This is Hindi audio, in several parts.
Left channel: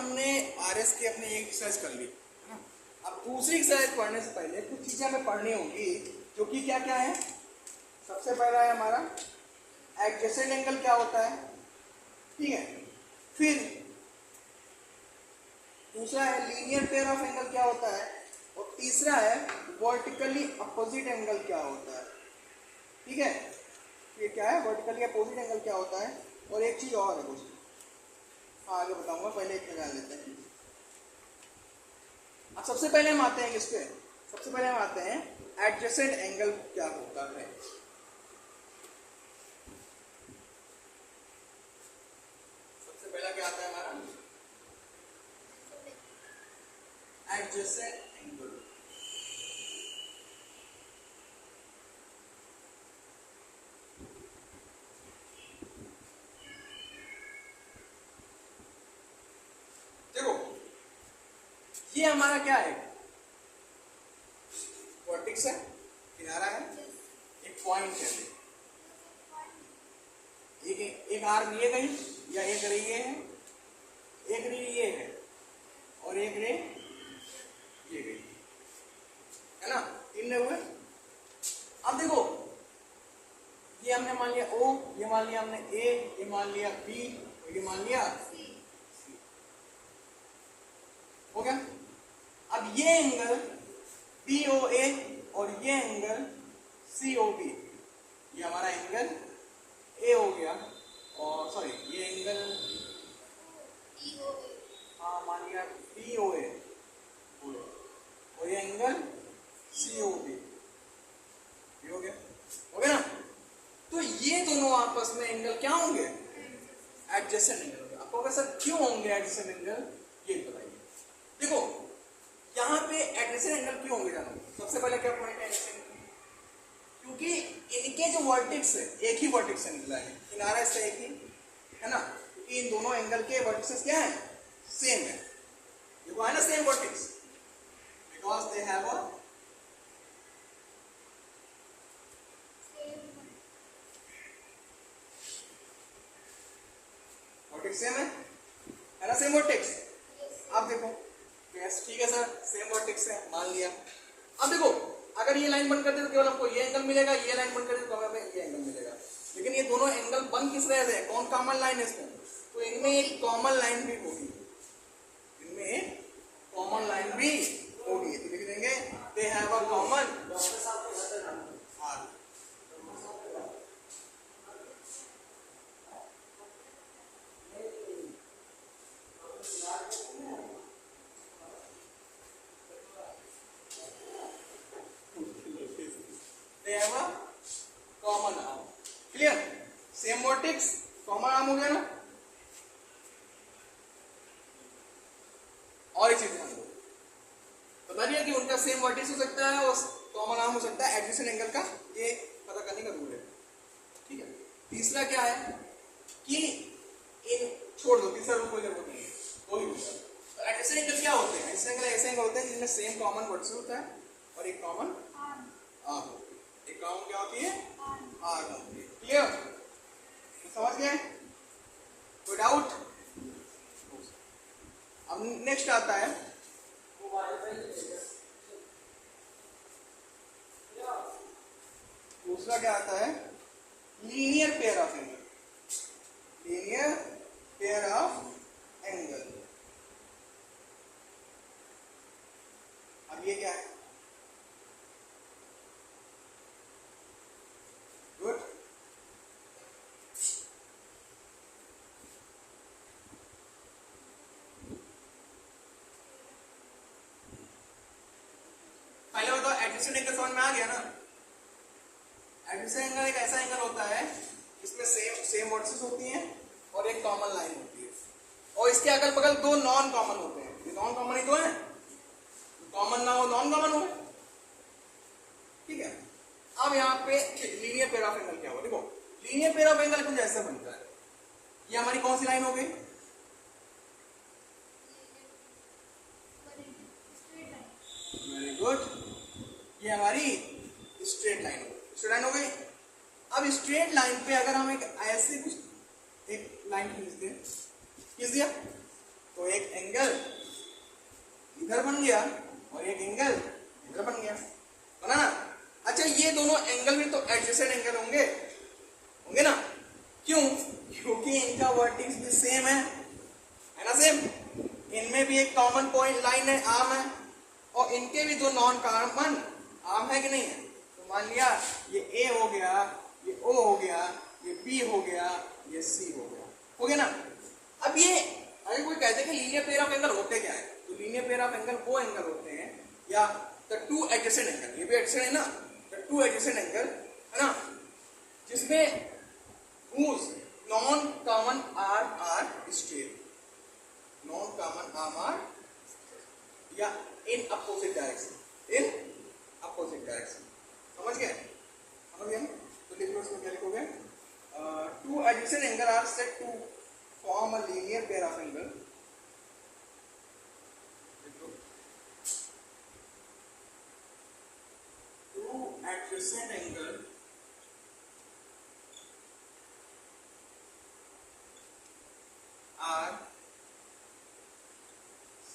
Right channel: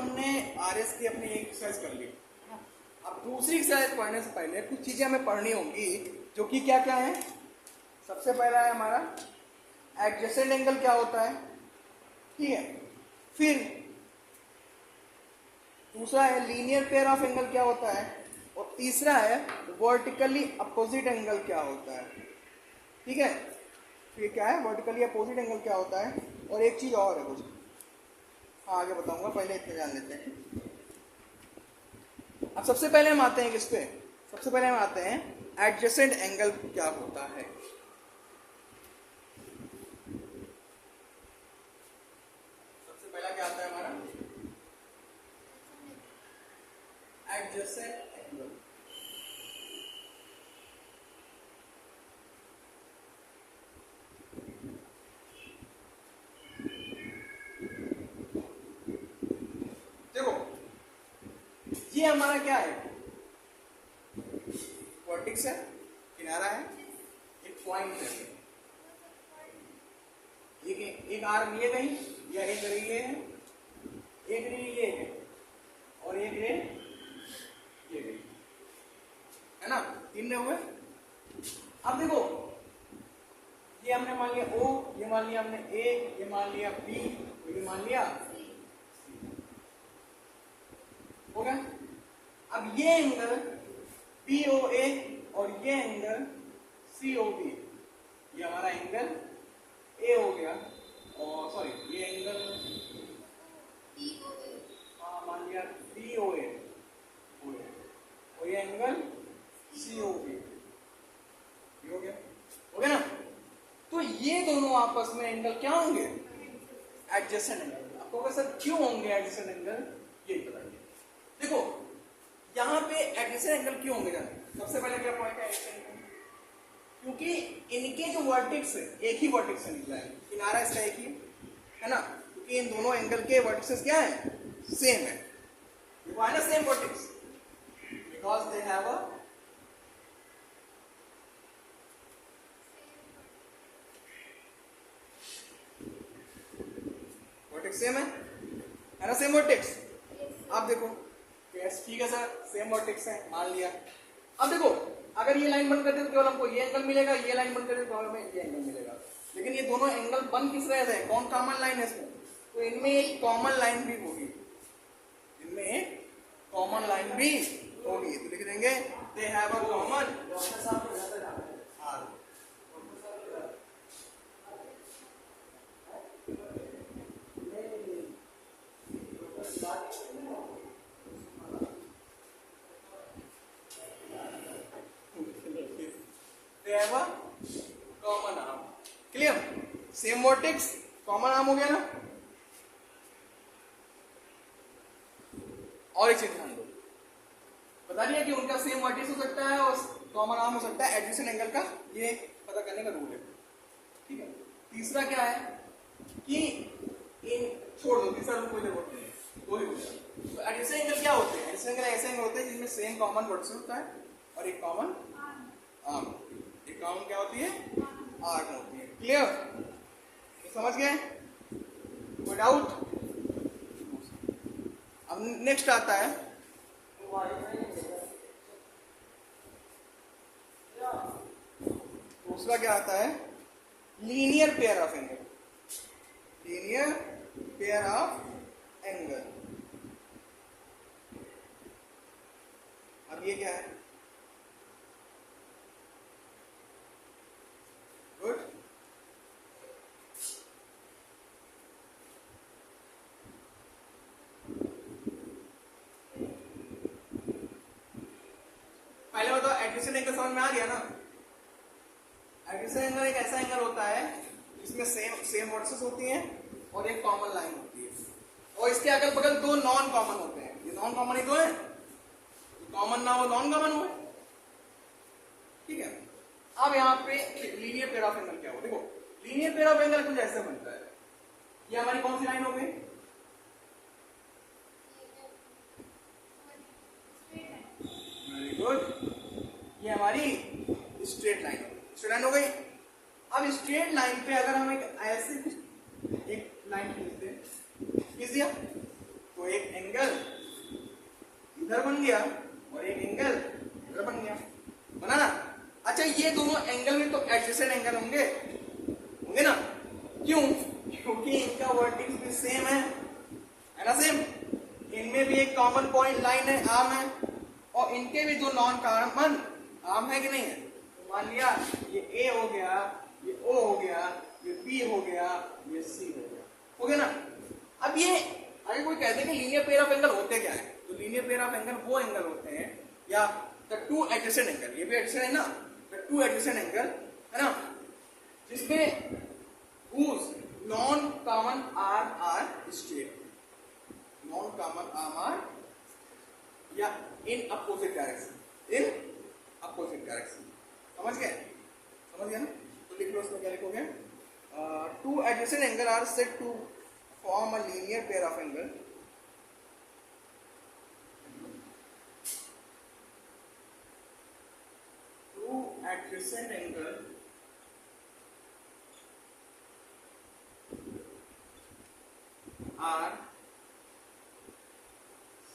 हमने RS की अपनी एक एक्सरसाइज कर ली। अब दूसरी एक्सरसाइज पढ़ने से पहले कुछ चीजें हमें पढ़नी होंगी, जो कि क्या क्या है। सबसे पहला है हमारा एडजेसेंट एंगल क्या होता है, ठीक है। फिर दूसरा है लीनियर पेयर ऑफ एंगल क्या होता है, और तीसरा है वर्टिकली अपोजिट एंगल क्या होता है, ठीक है। फिर क्या है वर्टिकली अपोजिट एंगल क्या होता है, और एक चीज और है कुछ, हाँ आगे बताऊंगा, पहले इतना जान लेते हैं। अब सबसे पहले हम आते हैं किस पे, सबसे पहले हम आते हैं एडजेसेंट एंगल क्या होता है। सबसे पहला क्या आता है हमारा एडजेसेंट एंगल। देखो ये हमारा क्या है, वर्टेक्स है, किनारा है, एक पॉइंट है, एक आर्म ये गई, या एक रे ये है, एक रे ये है, और एक रे ये गई, है ना, तीन हुए। अब देखो ये हमने मान लिया O, ये मान लिया हमने A, ये मान लिया B, ये मान लिया C, हो गया। अब ये एंगल POA और ये एंगल COB, ये हमारा एंगल A हो गया, और सॉरी ये एंगल हाँ मान लिया POA और ये एंगल COB, ये हो गया, हो गया ना। तो ये दोनों आपस में एंगल क्या होंगे, एडजेसेंट एंगल। आपको कैसे क्यों होंगे एडजेसेंट एंगल, ये बताइए। देखो यहाँ पे एडजेसेंट एंगल क्यों होंगे जानो, सबसे पहले क्या पॉइंट है एडजेसेंट एंगल, क्योंकि इनके जो वर्टेक्स है एक ही वर्टेक्स से निकला है, किनारा इसका एक ही है ना, क्योंकि इन दोनों एंगल के वर्टेक्सेस क्या है, सेम है, देखो है ना same vertex, because they have a vertex same है ना, सेम वर्टेक्स। आप देखो यस ठीक है सर, सेम वर्टेक्स है मान लिया। अब देखो अगर ये लाइन बंद कर दे तो केवल हमको ये एंगल मिलेगा, ये लाइन बंद कर दे तो हमें ये एंगल मिलेगा, लेकिन ये दोनों एंगल बंद किस वजह से, कौन कॉमन लाइन है इसमें, तो इनमें एक कॉमन लाइन भी होगी, इनमें एक कॉमन लाइन भी होगी, तो लिख देंगे they have a common R. They have a common arm. Clear? Same vertex, common arm हो गया ना। और एक चीज ध्यान दो, बता दिया कि उनका सेम वर्टेक्स हो सकता है और कॉमन आर्म हो सकता है, एडजेसेंट एंगल का ये पता करने का रूल है, ठीक है। तीसरा क्या है कि इन छोड़ दो, तीसरा रूल कोई जरूरत नहीं है, दो ही रूल है। तो एडजेसेंट एंगल क्या होते हैं, एडजेसेंट एंगल ऐसे एंगल होते हैं जिनमें सेम कॉमन वर्टेक्स होता है और एक कॉमन आर्म, एक कॉमन क्या होती है, आर्म होती है। क्लियर, तो समझ गए, कोई डाउट। अब नेक्स्ट आता है दूसरा क्या आता है, linear pair of angle, linear pair of angle. अब ये क्या है, गुड, पहले बताओ एडजेसेंट एंगल समझ में आ गया ना। एडजेसेंट एंगल एक ऐसा एंगल होता है जिसमें सेम वर्टेक्सेस होती हैं और एक कॉमन लाइन होती है, और इसके अगल बगल दो नॉन कॉमन होते हैं, ये नॉन कॉमन ही तो है, कॉमन ना हो नॉन कॉमन हो, ठीक है। अब यहाँ पे लीनियर पेयर ऑफ एंगल क्या हो, देखो लीनियर पेयर ऑफ एंगल कुछ ऐसे बनता है, ये हमारी कौन सी लाइन हो गई, वेरी गुड, ये हमारी स्ट्रेट लाइन हो गई। अब स्ट्रेट लाइन पे अगर हम एक ऐसे एक लाइन खींच दिया तो एक एंगल इधर बन गया और एक एंगल इधर बन गया, बना ना। अच्छा ये दोनों एंगल में तो एडजेसेंट एंगल होंगे, होंगे ना? क्यों? क्योंकि इनका वर्टिक्स भी सेम है ना, सेम। इनमें भी एक कॉमन पॉइंट लाइन है, आर्म है, और इनके भी जो नॉन कॉमन आर्म है कि नहीं है। तो मान लिया ये ए हो गया, ये ओ हो गया, ये बी हो गया, ये सी हो गया ना। अब ये अगर कोई कहते हैं कि लीनियर पेयर ऑफ एंगल होते क्या है, तो लीनियर पेयर ऑफ एंगल वो एंगल होते हैं, या द टू एडजेसेंट एंगल, ये भी एडजेसेंट है ना, द टू एडजेसेंट एंगल है ना, जिसमें whose non common arm are straight, non common arm are या in opposite direction, in opposite direction। समझ गए? समझ गया ना? तो लिख लो, इसमें क्या लिखोगे? Two adjacent angle are said to form a linear pair of angle। Two adjacent angle are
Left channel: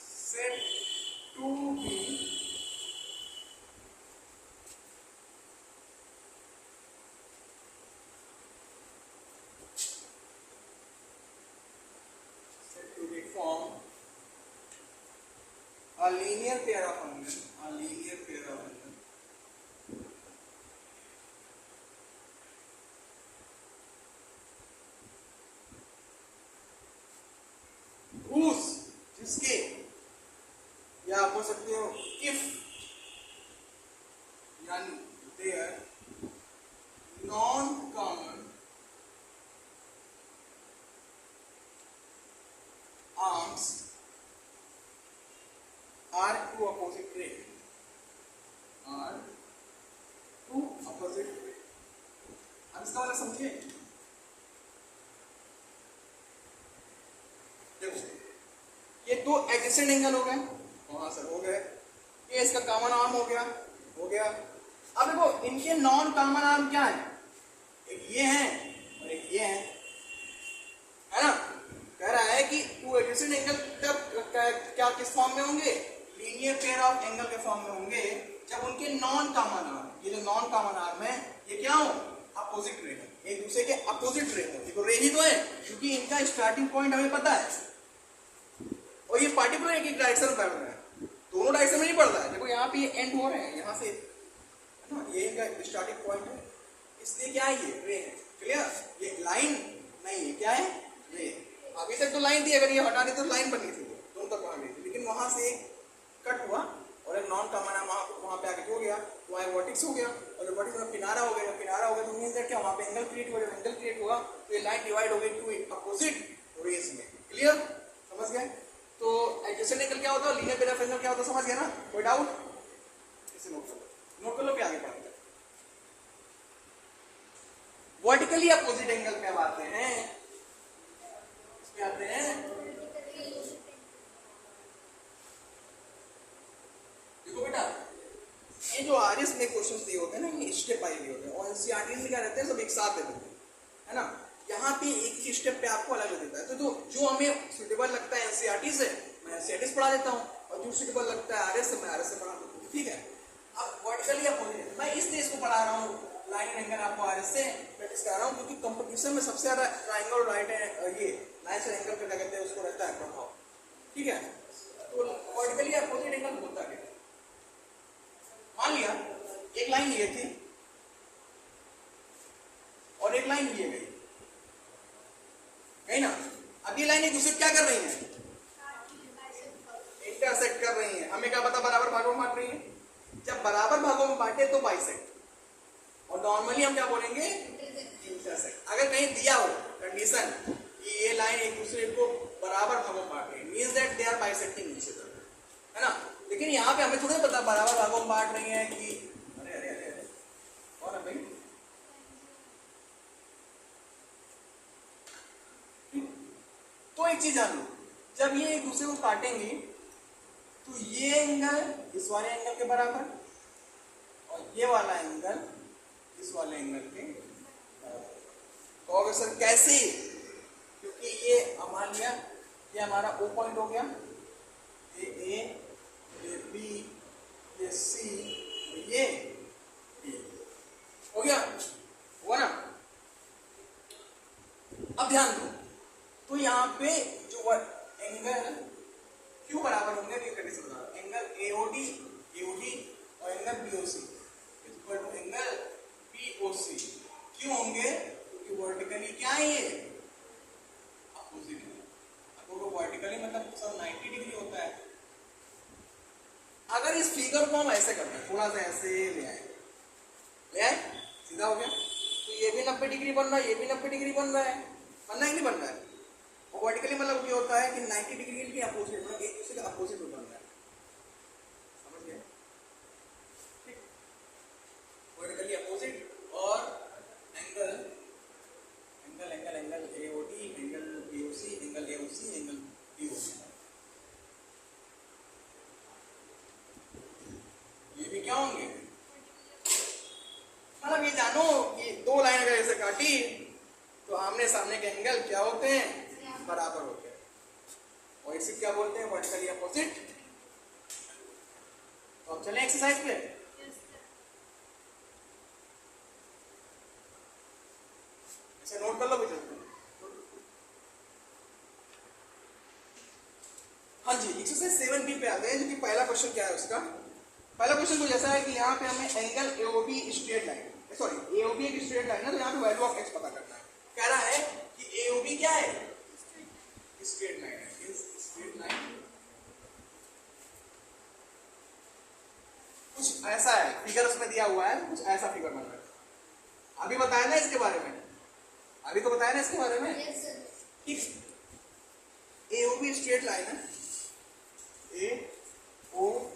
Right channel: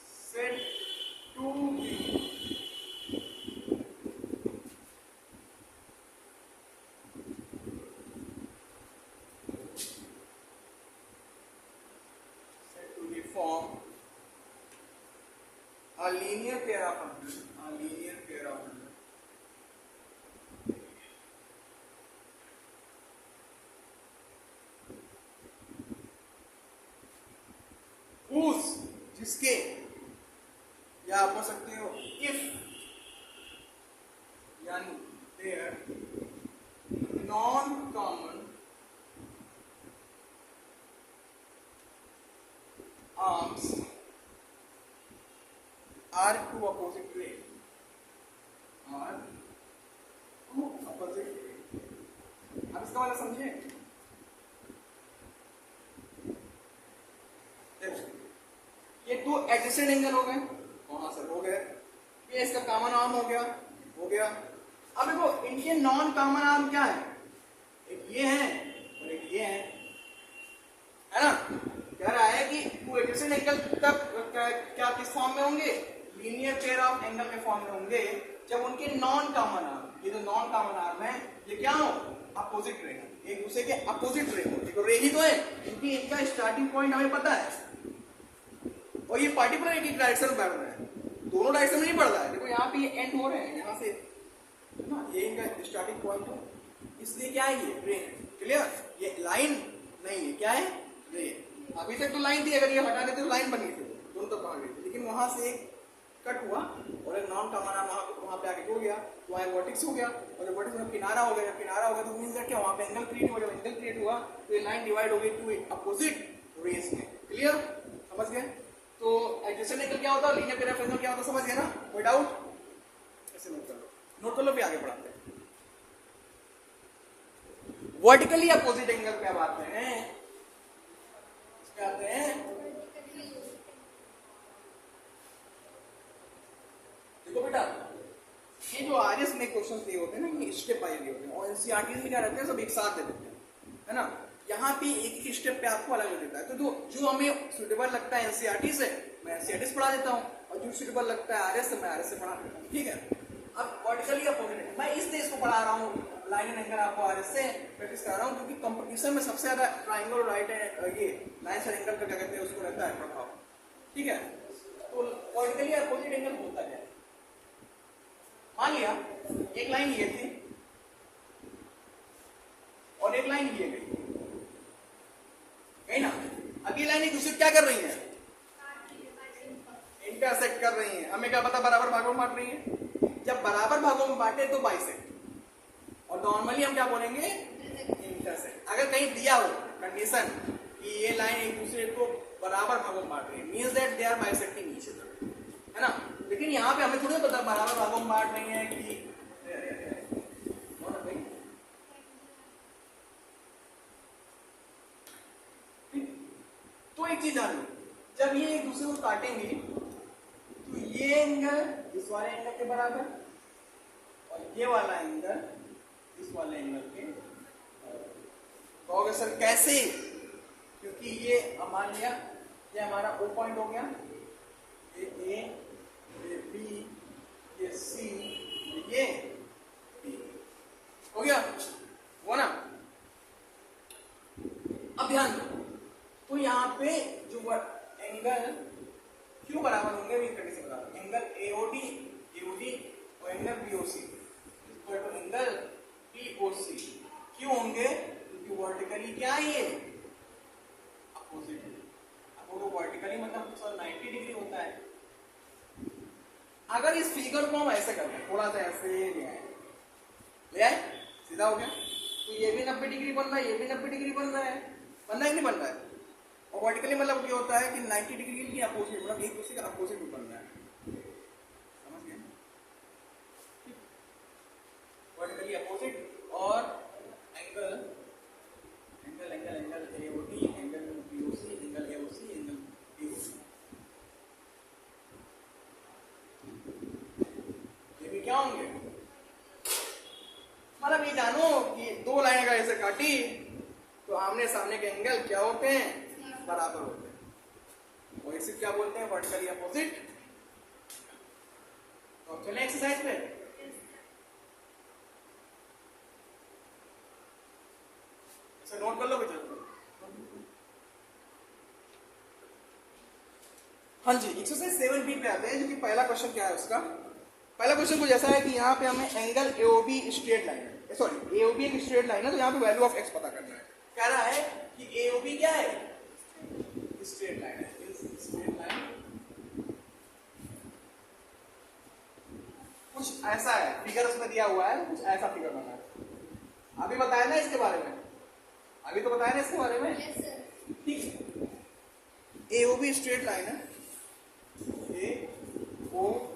said to be form a linear pair of angles, a linear pair of angles whose, जिसके, या आप बोल सकते हो if, यानी their non common arms are two opposite rays, are two opposite rays। अब इसका वाला समझिए। देखो ये दो एडजेसेंट एंगल हो गए, वहां से हो गए, ये इसका कॉमन आर्म हो गया, हो गया। अब देखो इनके नॉन कॉमन आर्म क्या है, एक ये है और एक ये है ना। कह रहा है कि टू एडजेसेंट एंगल कब क्या किस फॉर्म में होंगे, लीनियर पेयर ऑफ एंगल के फॉर्म में होंगे, जब उनके नॉन कॉमन आर्म, ये जो नॉन कॉमन आर्म है ये क्या हो, अपोजिट रे हो, एक दूसरे के अपोजिट रे हो। देखो रे ही तो है, क्योंकि इनका स्टार्टिंग पॉइंट हमें पता है, और ये पार्टिकुलर एक डायरेक्शन में बढ़ रहा है, दोनों डायरेक्शन में नहीं बढ़ रहा है। देखो यहाँ पे ये एंड हो रहे हैं, यहाँ से ना, ये इनका स्टार्टिंग पॉइंट है, इसलिए क्या है ये रे है। क्लियर? ये लाइन नहीं है, क्या है, रे। अभी तक तो लाइन थी, अगर ये हटा देते तो लाइन बनी थी, दोनों तक भाग गई थी, लेकिन वहां से कट हुआ और एक नॉन कॉमन आर्म वहां पे आके हो गया, तो वहां वर्टेक्स हो गया, और जब वर्टेक्स में किनारा हो गया, किनारा हो गया तो मींस क्या, वहां पे एंगल क्रिएट हुआ, जब एंगल क्रिएट हुआ तो ये लाइन डिवाइड हो गई टू अपोजिट रेस में। क्लियर? समझ गए? तो एडजेसेंट एंगल क्या होता है, लीनियर पेयर ऑफ एंगल क्या होता है, समझ गए ना? कोई डाउट? ऐसे नोट कर लो, नोट कर लो, फिर आगे बढ़ाते हैं। वर्टिकली अपोजिट एंगल पे आते हैं, क्या आते हैं, देखो बेटा ये जो आरएस में क्वेश्चन दिए होते हैं ना, ये स्टेप वाइज होते हैं, और एनसीईआरटी में क्या रहते हैं, सब एक साथ देते हैं, है ना। यहाँ पे एक ही स्टेप पे आपको अलग देता है, तो जो हमें सुटेबल लगता है एनसीईआरटी से मैं एनसीईआरटी से पढ़ा देता हूँ, और जो सुटेबल लगता है आरएस से मैं आरएस से पढ़ा देता हूँ। ठीक है? अब वर्टिकली अपोजिट मैं इसलिए इसको पढ़ा रहा हूँ, लाइन एंगल आपको आरएस से प्रैक्टिस करा रहा हूँ, क्योंकि कंपटीशन में सबसे ज्यादा ट्राइंगल और राइट ये नाइस एंगल का लगते हैं, उसको रहता है प्रभाव। ठीक है? तो वर्टिकली अपोजिट एंगल होता है, मान लिया एक लाइन ये थी और एक लाइन ये गई, ना। अब ये लाइन एक दूसरे क्या कर रही है, इंटरसेक्ट कर रही है। हमें क्या पता, बराबर भागों में बांट रही है। जब बराबर भागों में बांटे तो बाइसेक्ट, और नॉर्मली हम क्या बोलेंगे, इंटरसेक्ट। अगर कहीं दिया हो कंडीशन कि ये लाइन एक दूसरे को बराबर भागों में बांट रही है, means that they are bisecting each other, है ना। लेकिन यहाँ पे हमें थोड़ी पता बराबर भागों में बांट रही है कि कौन है भाई, तो एक चीज जान लो, जब ये एक दूसरे को काटेंगे तो ये एंगल इस वाले एंगल के बराबर और ये वाला एंगल इस वाले एंगल के बराबर। तो सर कैसे, क्योंकि ये मान लिया ये हमारा O पॉइंट हो गया, ये A, ये B, ये C, ये B हो गया, वो ना। अब ध्यान दो, तो यहाँ पे जो एंगल क्यों बराबर होंगे ये कंडीशन बता रहा, एंगल AOD और angle BOC equal to angle POC क्यों होंगे, क्योंकि वर्टिकली क्या है ये अपोजिट है। आपको वर्टिकली मतलब 90 डिग्री होता है। अगर इस फिगर को हम ऐसे करते हैं, थोड़ा सा ऐसे ले आए सीधा हो गया, तो ये भी 90 डिग्री बन रहा है, ये भी 90 डिग्री बन रहा है, बनना ही नहीं बन रहा है। और वर्टिकली मतलब ये होता है कि 90 डिग्री के अपोजिट, मतलब एक दूसरे का अपोजिट भी बन रहा है, समझ गए? ठीक, वर्टिकली अपोजिट और angle angle angle angle AOD, angle BOC, angle AOC, angle BOC, ये भी क्या होंगे, मतलब ये जानो कि दो लाइन अगर ऐसे काटी तो आमने सामने के एंगल क्या होते हैं, बराबर होते हैं, और इसे क्या बोलते हैं, वर्टिकली अपोजिट। तो अब चलें एक्सरसाइज पे। इसे नोट कर लो बच्चों। हाँ जी, एक्सरसाइज 7B पे आते हैं, जो कि पहला क्वेश्चन क्या है उसका। पहला क्वेश्चन कुछ ऐसा है कि यहाँ पे हमें एंगल AOB स्ट्रेट लाइन है, सॉरी AOB एक स्ट्रेट लाइन है, तो यहाँ पे वैल्यू ऑफ x पता करना है। कह रहा है कि AOB क्या है, स्ट्रेट लाइन है, स्ट्रेट लाइन कुछ ऐसा है, फिगर उसमें दिया हुआ है, कुछ ऐसा फिगर बना है। अभी बताया ना इसके बारे में, अभी तो बताया ना इसके बारे में, ठीक। AOB स्ट्रेट लाइन है, AOB, और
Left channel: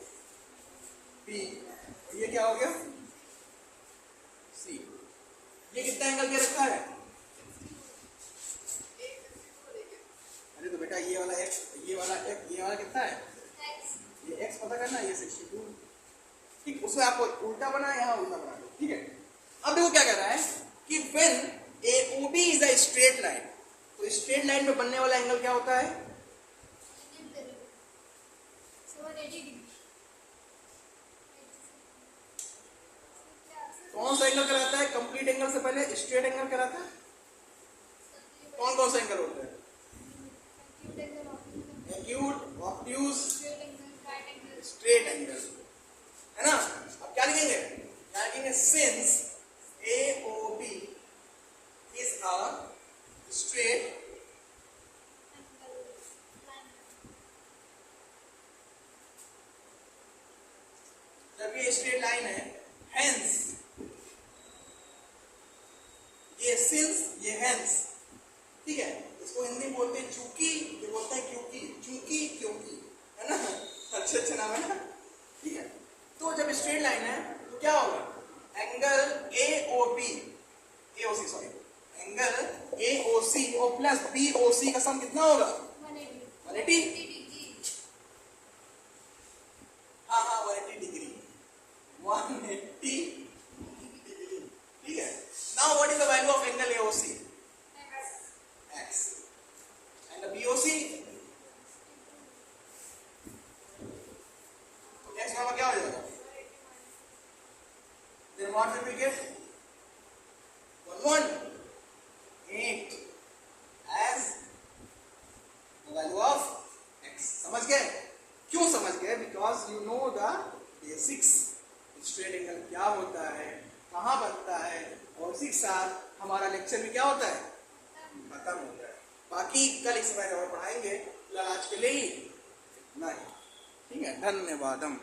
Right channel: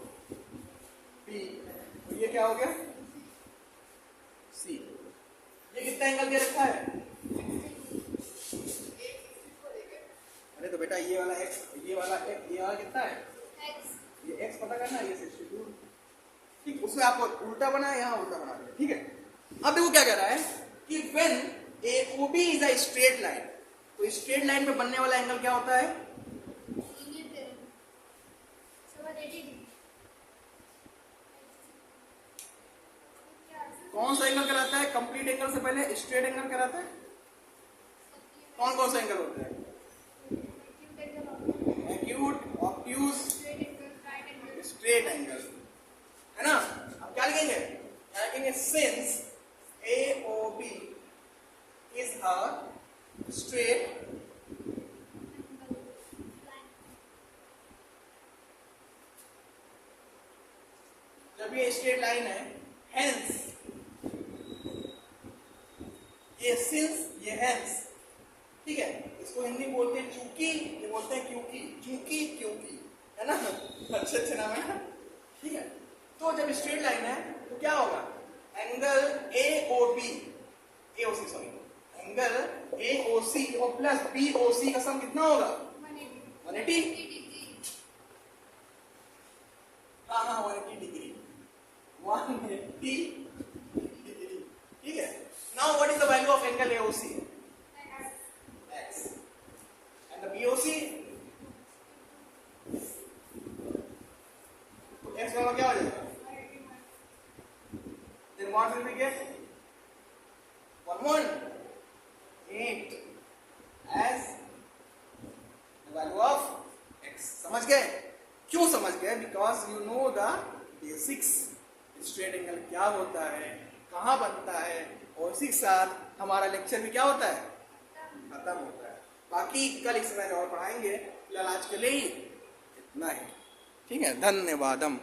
ये क्या हो गया C। ये कितना एंगल के रखा है, अरे तो बेटा ये वाला x, ये वाला कितना है, ये x पता करना है, ये 62, ठीक। उससे आपको उल्टा बना, यहाँ उल्टा बना, ठीक है। अब देखो क्या कह रहा है कि when AOB is a straight line, तो स्ट्रेट लाइन में बनने वाला एंगल क्या होता है, कौन सा एंगल कहलाता है, कंप्लीट एंगल से पहले स्ट्रेट एंगल कहलाता है। कौन कौन सा एंगल होता है, एक्यूट, ऑब्ट्यूज, स्ट्रेट एंगल, है ना। अब क्या लिखेंगे, क्या लिखेंगे, since AOB is a straight जब ये स्ट्रेट लाइन है, hence ये सिंस, ये hence, ठीक है। इसको हिंदी बोलते हैं चूंकि, ये बोलते हैं क्योंकि, चूंकि क्योंकि, है ना, अच्छे अच्छे नाम है ना, ठीक है। तो जब स्ट्रेट लाइन है तो क्या होगा, angle AOC sorry, angle AOC और प्लस BOC का सम कितना होगा, 180, हाँ 180 डिग्री, 180 डिग्री, ठीक है। Now what is the value of angle AOC, x, and the BOC, तो x का क्या हो जाएगा, then what will we get, 118 as the value of x। समझ गए, क्यों समझ गए, because you know the basics, straight angle क्या होता है, कहाँ बनता है, और उसी के साथ हमारा लेक्चर भी क्या होता है, खत्म होता है। बाकी कल इस बारे और पढ़ाएंगे, फिलहाल आज के लिए ही इतना ही, ठीक है। धन्यवादम।